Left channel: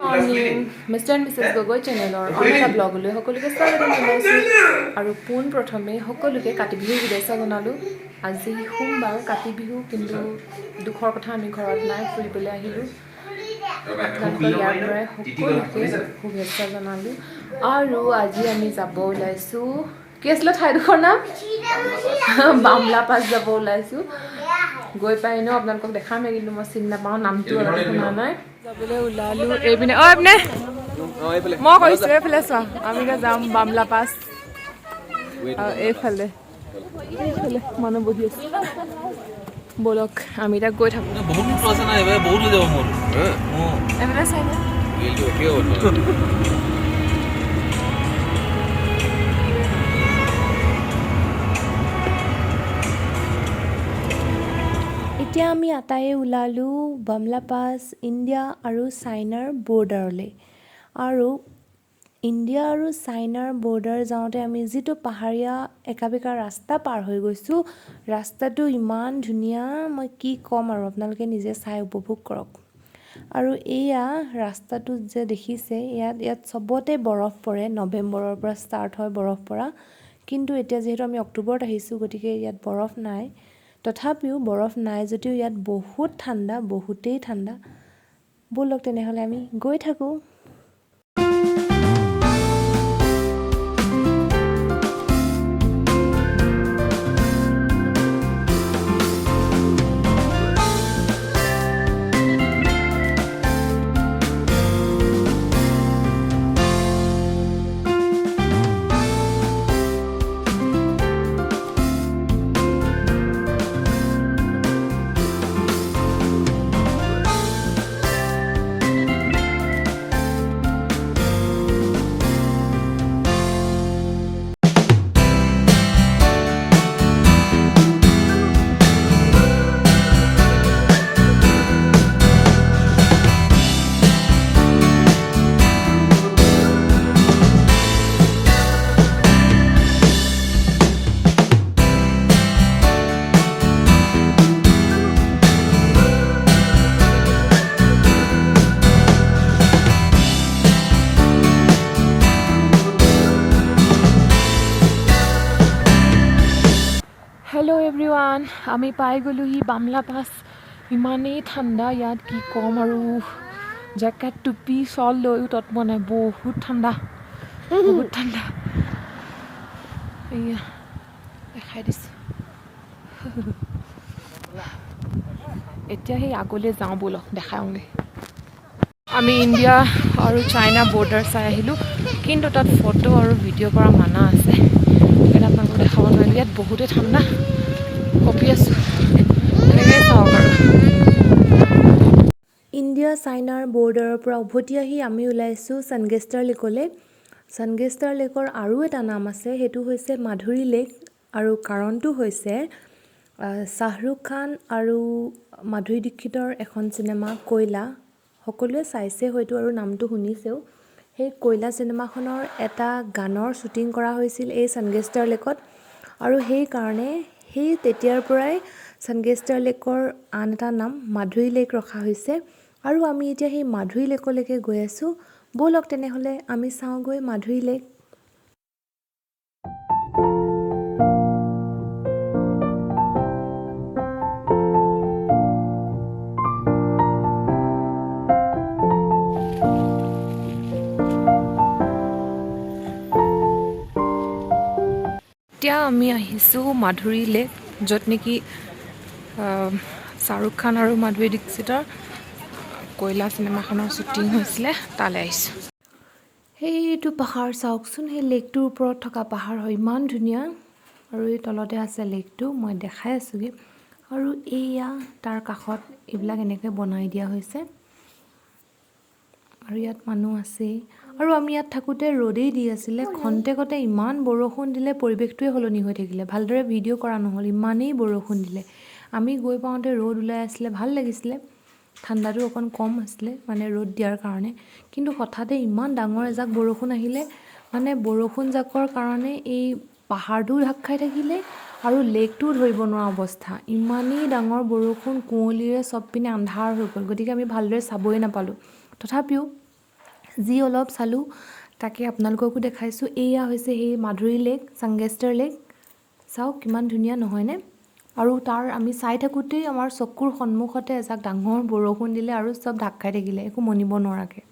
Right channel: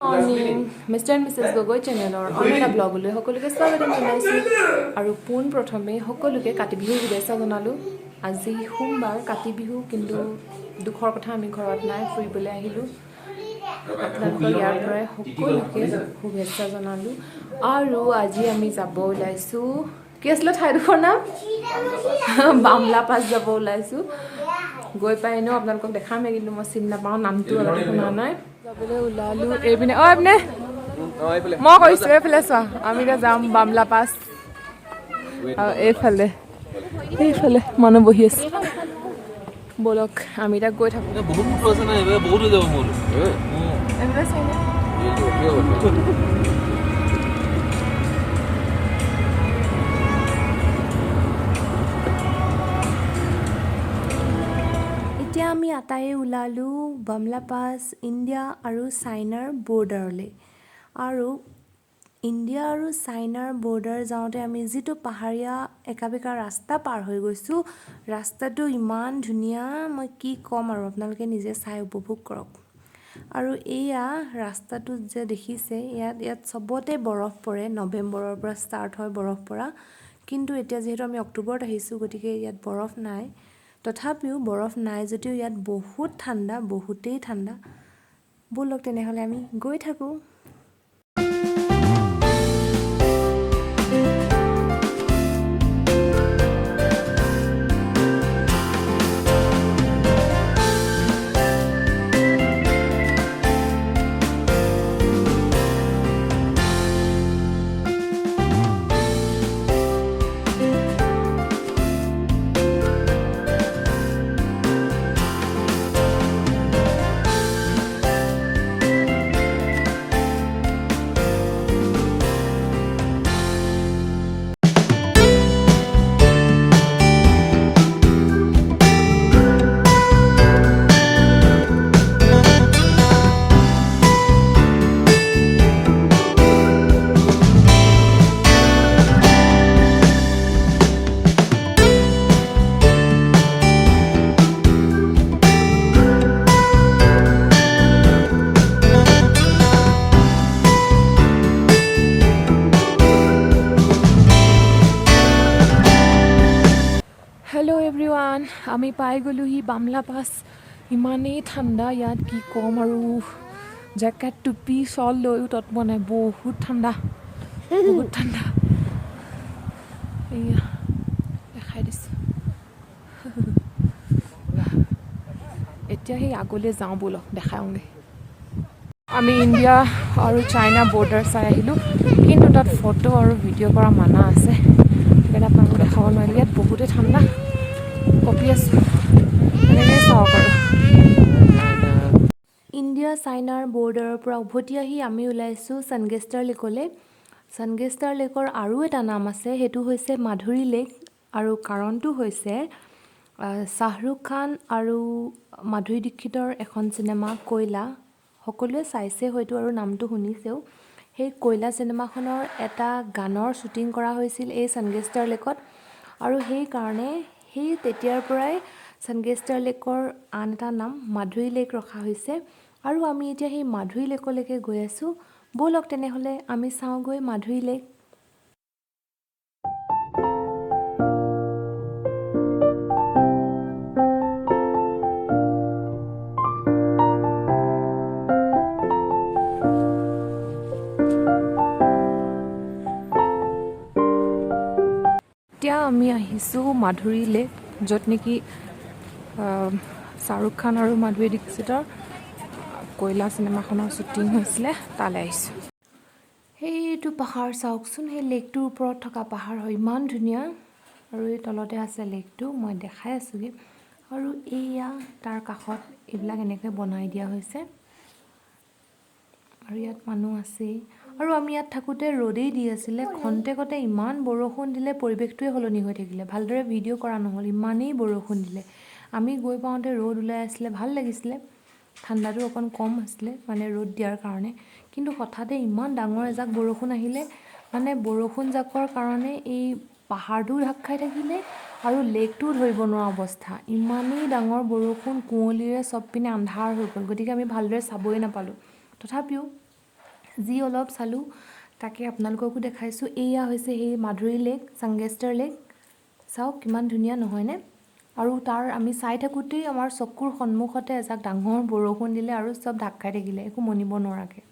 Morning mister and Mrs Gogoi চেনেলৰ অন্য এটা ব্লগলৈ সকলোকে স্বাগতম জনাইছোঁ আৰু পোনপ্ৰথমে সকলোকে কাতি বিহুৰ শুভেচ্ছা জনালোঁ। আজি সোমবাৰ কাতি বিহু, কিন্তু দুখৰ কথা আমি ঘৰত নাই, ফুৰিবলৈ আহিলোঁ। আপোনালোকৰ ইয়াৰ পৰাই সকলোকে শুভেচ্ছা জনালোঁ। আৰু আজি আমি যাব ওলাইছোঁ, কি আছিলে ঠাইডোখৰ নাম? বামলা পাছ যাব ওলাইছোঁ। গৈ পাই এনেও আপোনালোকক দেখাম, কিন্তু মই চিনি নাপাওঁ, নামটো অলপ শুনা নাই। যাবলৈ ওলালোঁ এইপিনে। এইপিনে মই কৈছোঁ এইফালে চোৱা, আমি এতিয়া যাম বামলা পাছ। আৰু এইফালে মানুহ বহি আছে। ব'লক আমি এতিয়া গৈ থাকোঁ। এইফালে চাইনে এতিয়া আমি আটাইয়ে ওলালোঁ বামলা পাছ, ইণ্ডিয়া আৰু চাইনাৰ বৰ্ডাৰলৈ। আৰু ইণ্ডিয়া আৰু চাইনাৰ বৰ্ডাৰ যাওঁতে আমি যিটো পাহাৰীয়া একাবেকা ৰাস্তা পাৰ হৈ গৈছোঁ, ৰাস্তাটো ইমান ধুনীয়া, মই কি ক'ম আৰু, আপোনালোকে নিজে চাই উপভোগ কৰক। আৰু এয়া ৰাস্তাটোত যে দেখিছে, ইয়াত চবতে বৰফ পৰে। নৱেম্বৰৰ পৰা ষ্টাৰ্ট হয় বৰফ পৰা, কিন্তু এতিয়া যিহেতু আমি অক্টোবৰত আহিছোঁ, গতিকে ইয়াত বৰফ নাই। তথাপিও বৰফ নাই যদিও ইয়াত বহুত ঠাণ্ডা, বহুতেই ঠাণ্ডা। ব'লক তেনেহ'লে আমি গৈ থাকোঁ। হেল্ল' এভৰিৱান, আমি পাই গ'লোহি বামলা পাছ। ইমানেই ঠাণ্ডা ইয়াত, কি ক'ম আৰু। জেকেট টুপি শ্বল লৈও তত পোৱা নাই, বহুত ঠাণ্ডা, বহুত ঠাণ্ডা। এয়া দেখাই দিছোঁ। এতিয়া সেই আগলৈ যাওঁ, ব'লক দেখাওঁগৈ। আমি ইণ্ডিয়া আৰু চাইনা বৰ্ডাৰ চাই আহিলোঁ, কিন্তু তাত ফটো আৰু ভিডিঅ' কৰা মানা আছে, সেইকাৰণে আপোনালোকক দেখাব নোৱাৰিলোঁ। ইয়াত বহুতেই ঠাণ্ডা, কঁপি আছোঁ, এনেকৈ চাওক আৰু। ইণ্ডিয়া চাইনাৰ বৰ্ডাৰৰ পৰা উভতি আহি আমি ওলাইছোঁ ছানগেষ্টাৰ লেকলৈ। ছানগেষ্টাৰ লেকৰ আৰু এটা নাম আছে, সেইটো হৈছে মাধুৰী লেক। আৰু কাৰণটো হৈছে শ্বাহৰুখ খান আৰু মাধুৰী দীক্ষিতৰ এখন চিনেমা কয়লা, সকলোৱে চাইছে হয়তো আৰু নামটো শুনিছেও। সেই কয়লা চিনেমাখনৰ এটা গানৰ শ্বুটিং কৰা হৈছিল এই ছানগেষ্টাৰ লেকত। আৰু সেইকাৰণে তেতিয়াৰ পৰাই ছানগেষ্টাৰ লেকৰ আন এটা নাম মাধুৰী লেক ৰখা হৈছে। আৰু আমি এতিয়া সেই মাধুৰী লেকলৈকে গৈ আছোঁ। ব'লক তেনেহ'লে আমি চাওঁগৈ মাধুৰী লেক। এতিয়া আমি আহিছোঁ মাধুৰী লেক, য'ত নেকি শ্বাহৰুখ খান আৰু মাধুৰী দীক্ষিতৰ কয়লা চিনেমাখনৰ শ্বুটিং হৈছিলে, তালৈ আহিছোঁ। সেইটো পাহাৰ চাওকচোন, সেই লেকটোৰ ওপৰত থকা পাহাৰ হয়, ইমান ধুনীয়া। আৰু এই তলতে আছে লেকটো, মই দেখাই আছোঁগৈ। আৰু এইয়া তাৰ কাষত এইবিলাক এনেকৈ বনাই দিয়া হৈছে, আৰু ইয়াত মানুহ আছেই। আৰু আমি ইয়াত থাকোঁতে ৰ'দেই দি আছিলে, খন্তেকতে ইমান বৰষুণ দিলে, পৰিৱেশটোৱে সলনি হৈ থাকিলে। ভালদৰে ভিডিঅ' কৰা নহ'ল, ইমানেই বৰষুণ দিলে। আমি গৈ পাওঁতে ৰ'দ ওলাই আছিলে, ভাল লাগিছিলে। ঠাণ্ডাটো অকণ কম আছিলে, মানে ৰ'দ দিয়াৰ কাৰণে। কিন্তু হঠাতে ইমান ডাঙৰ এজাক বৰষুণ আহিলে, মানে বৰষুণ জাকৰ কাৰণে এই পাহাৰটোও ঢাক খাই থাকিলে আৰু লেকটোও ধৰিব নোৱাৰা অৱস্থা। ইমানেই ডাঙৰ বৰষুণ, কুঁৱলীৰে চব পিনে আন্ধাৰ হৈ গ'ল, গতিকে আমি ভালদৰে চাবই নাপালোঁ। তথাপিও যি অলপ চালোঁ তাকে আপোনালোককো দেখাইছোঁ। এয়া হৈছে সেই মাধুৰী লেক, চাংগেষ্টাৰ লেক। চাওক কিমান ধুনীয়া নহয়নে? আৰু তাৰ আমি চাই থাকোঁতেই আমাৰ চকুৰ সন্মুখতে এজাক ডাঙৰ বৰষুণ দিলে আৰু চব ঢাক খাই থাকিলে, একো মনিব নোৱাৰাকৈ।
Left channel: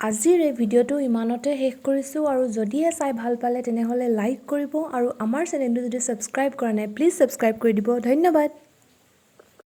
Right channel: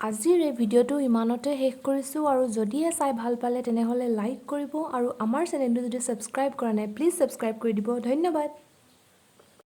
আজিৰ এই ভিডিঅ'টো ইমানতে শেষ কৰিছোঁ, আৰু যদিহে চাই ভাল পালে তেনেহ'লে লাইক কৰিব, আৰু আমাৰ চেনেলটো যদি ছাবস্ক্ৰাইব কৰা নাই প্লিজ ছাবস্ক্ৰাইব কৰি দিব। ধন্যবাদ।